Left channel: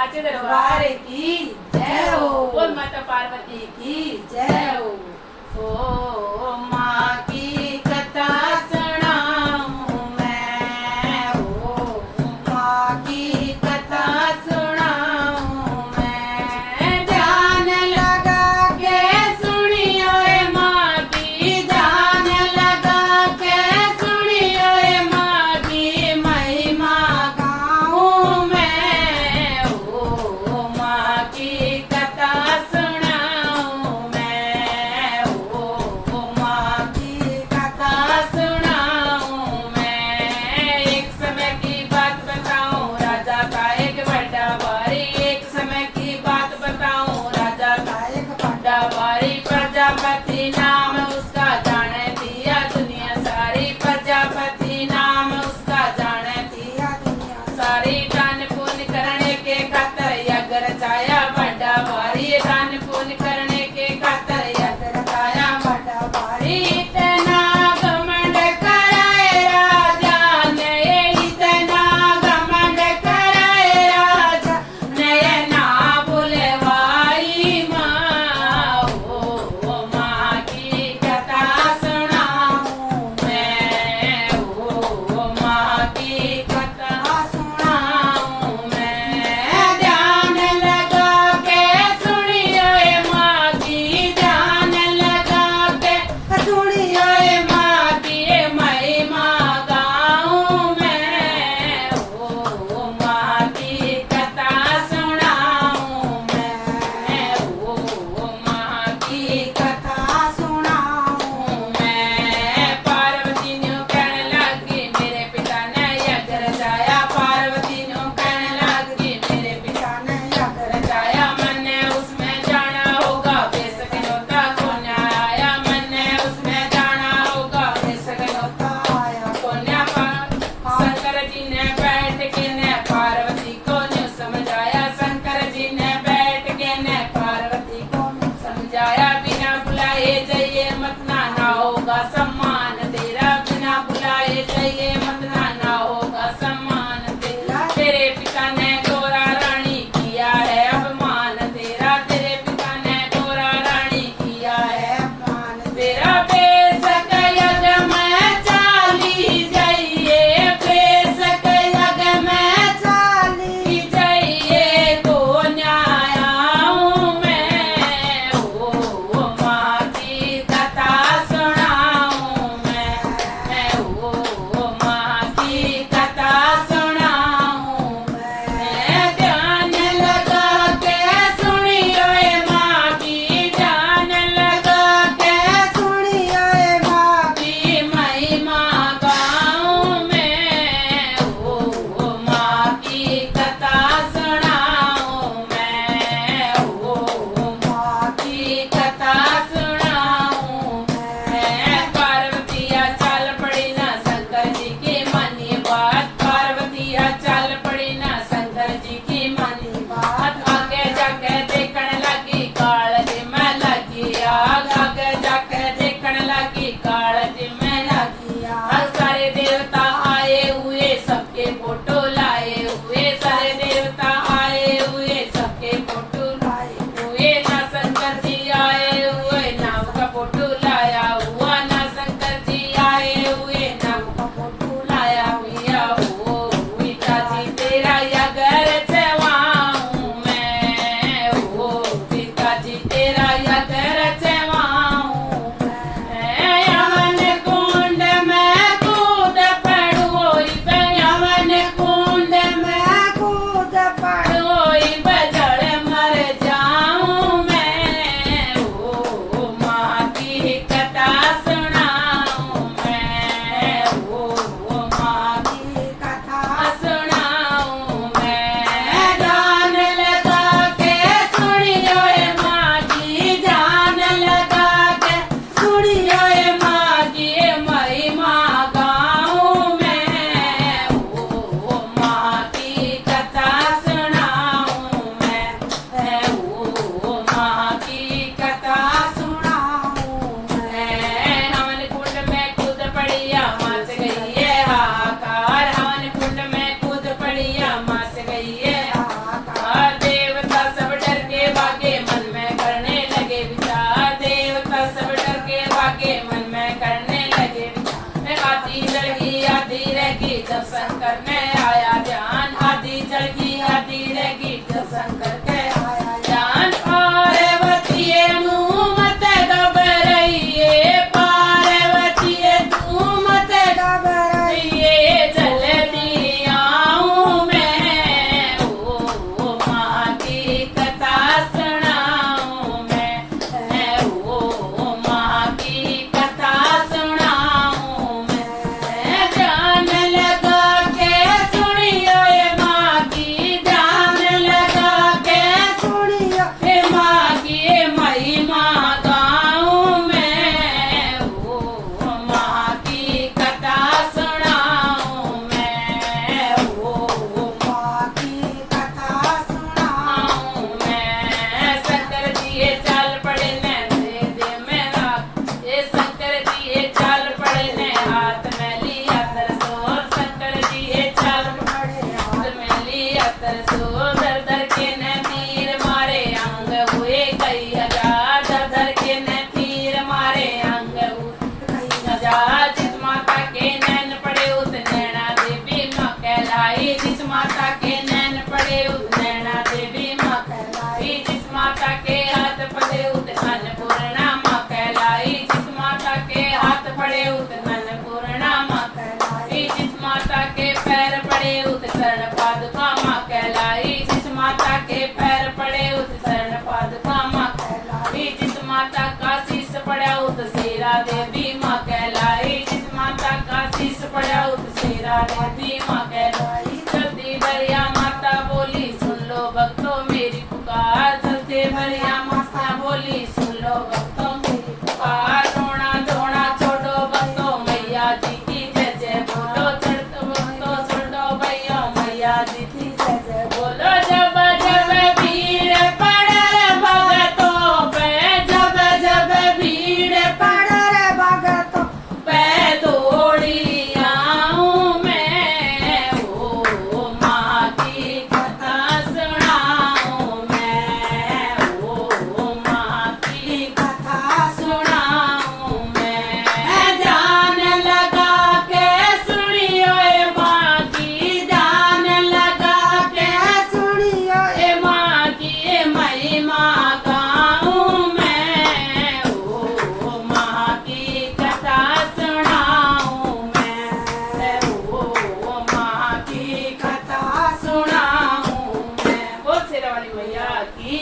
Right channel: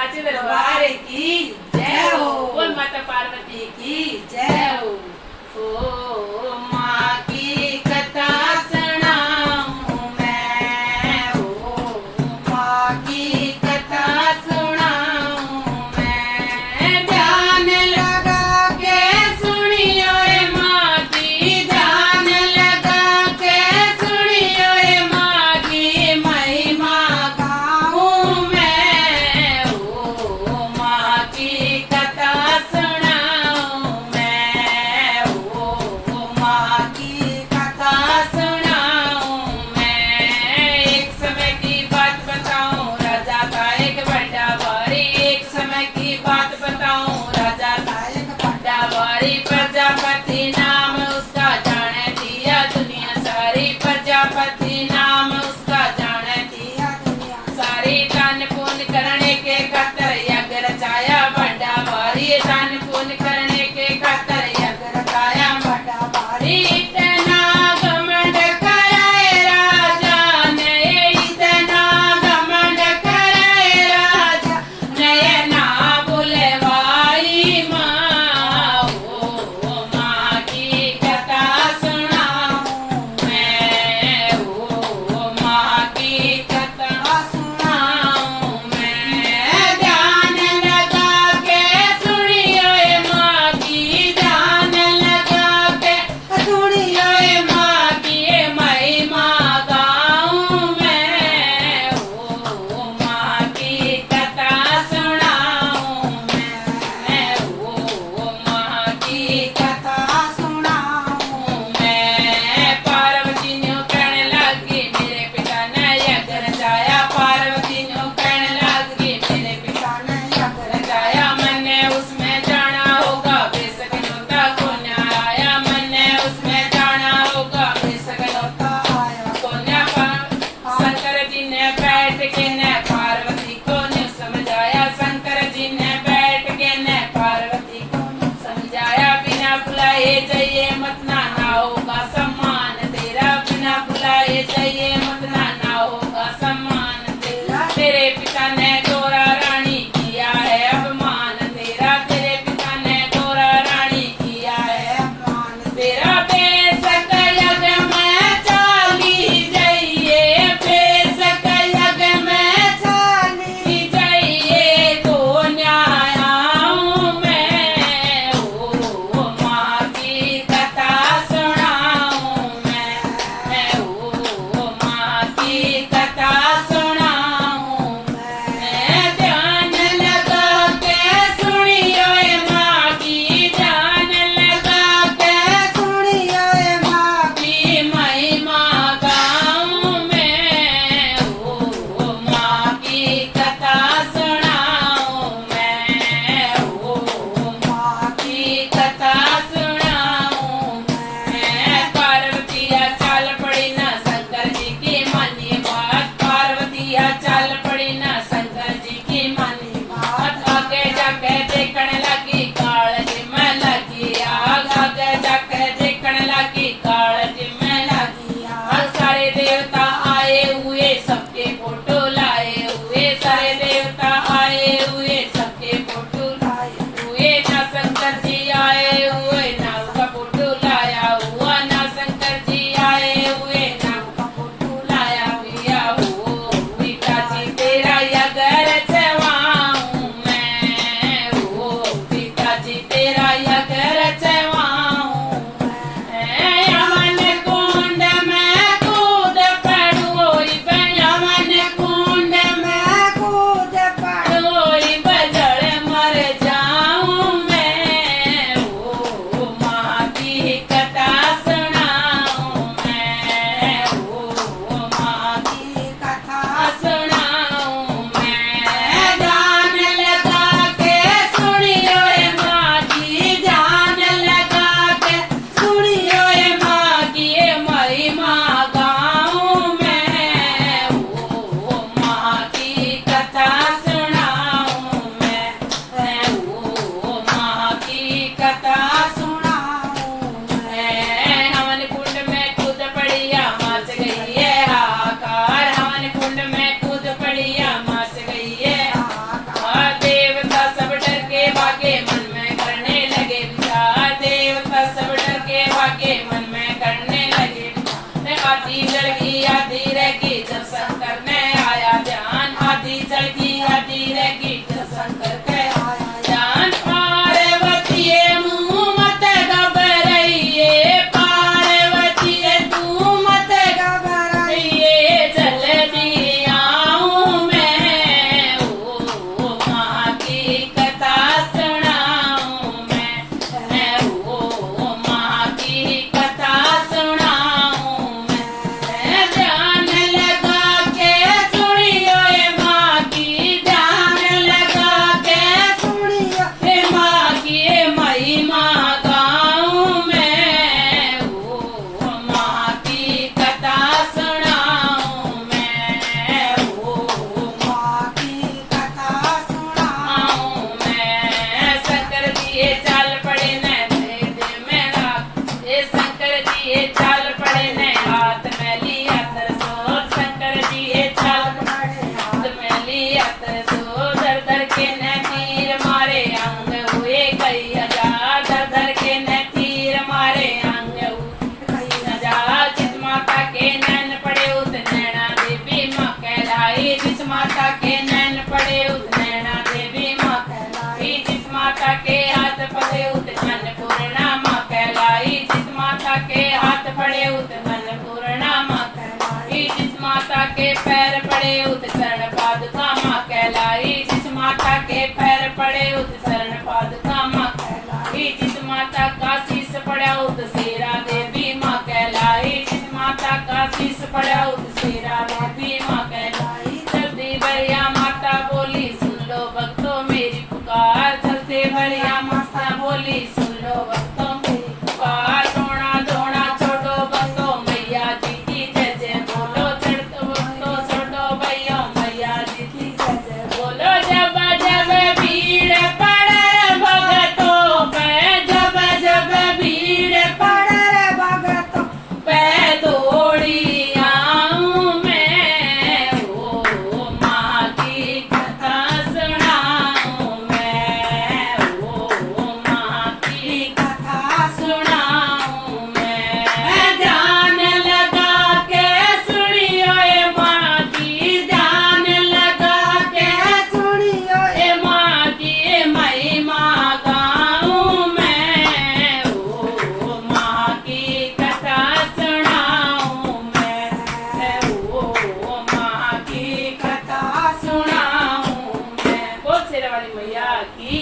साचे दरबार की जय हो। बोल माता पार्वती की जय हो। ओ माँ की कथा सुनाऊं मैं, ओ माँ की कथा सुनाऊं मैं। ध्यान लगा के सुनियो रे माँ की, ध्यान लगा के सुनियो रे माँ की महिमा गाऊं मैं। ओ माँ की कथा सुनाऊं मैं, ओ सो दर दर के न तीर मारे अंग हुए कई हजार दर दर के न तीर मारे अंग हुए कई हजार जिस माता के नैन पड़े उस नैना देवी माँ कहलाई जिस माता के नैन पड़े उस नैना देवी माँ कहलाई जिस माता के हाथ पड़े उस अन्नपूर्णा माँ कहलाई जिस माता के हाथ पड़े उस अन्नपूर्णा माँ कहलाई जिस माता के पैर पड़े उस शरण पादुका माँ कहलाई जिस माता के पैर पड़े उस शरण पादुका माँ कहलाई जिस माता का शीश पड़ा उस शेरा देवी माँ कहलाई जिस माता का शीश पड़ा उस शेरा देवी माँ कहलाई जल्दी बढ़िया माता बोली सुन लो भक्तों मेरी पुकार जल्दी बढ़िया माता बोली सुन लो भक्तों मेरी पुकार रोना धोना छोड़ो भक्तों मैया जी की जय जय बोलो चढ़तो भक्तों छोड़ो भैया मैया जी की जय जय बोलो जब जब भीड़ पड़े भगतों पे जब जब भीड़ पड़े भगतों पे दौड़ी आऊं मैं ओ माँ की कथा सुनाऊं मैं ओ माँ की कथा सुनाऊं मैं ध्यान लगा के सुनियो ए माँ की ध्यान लगा के सुनियो ए माँ की महिमा गाऊं मैं ओ माँ की कथा सुनाऊं मैं ओ माँ की कथा सुनाऊं मैं। बोल शेरा वाली मैया की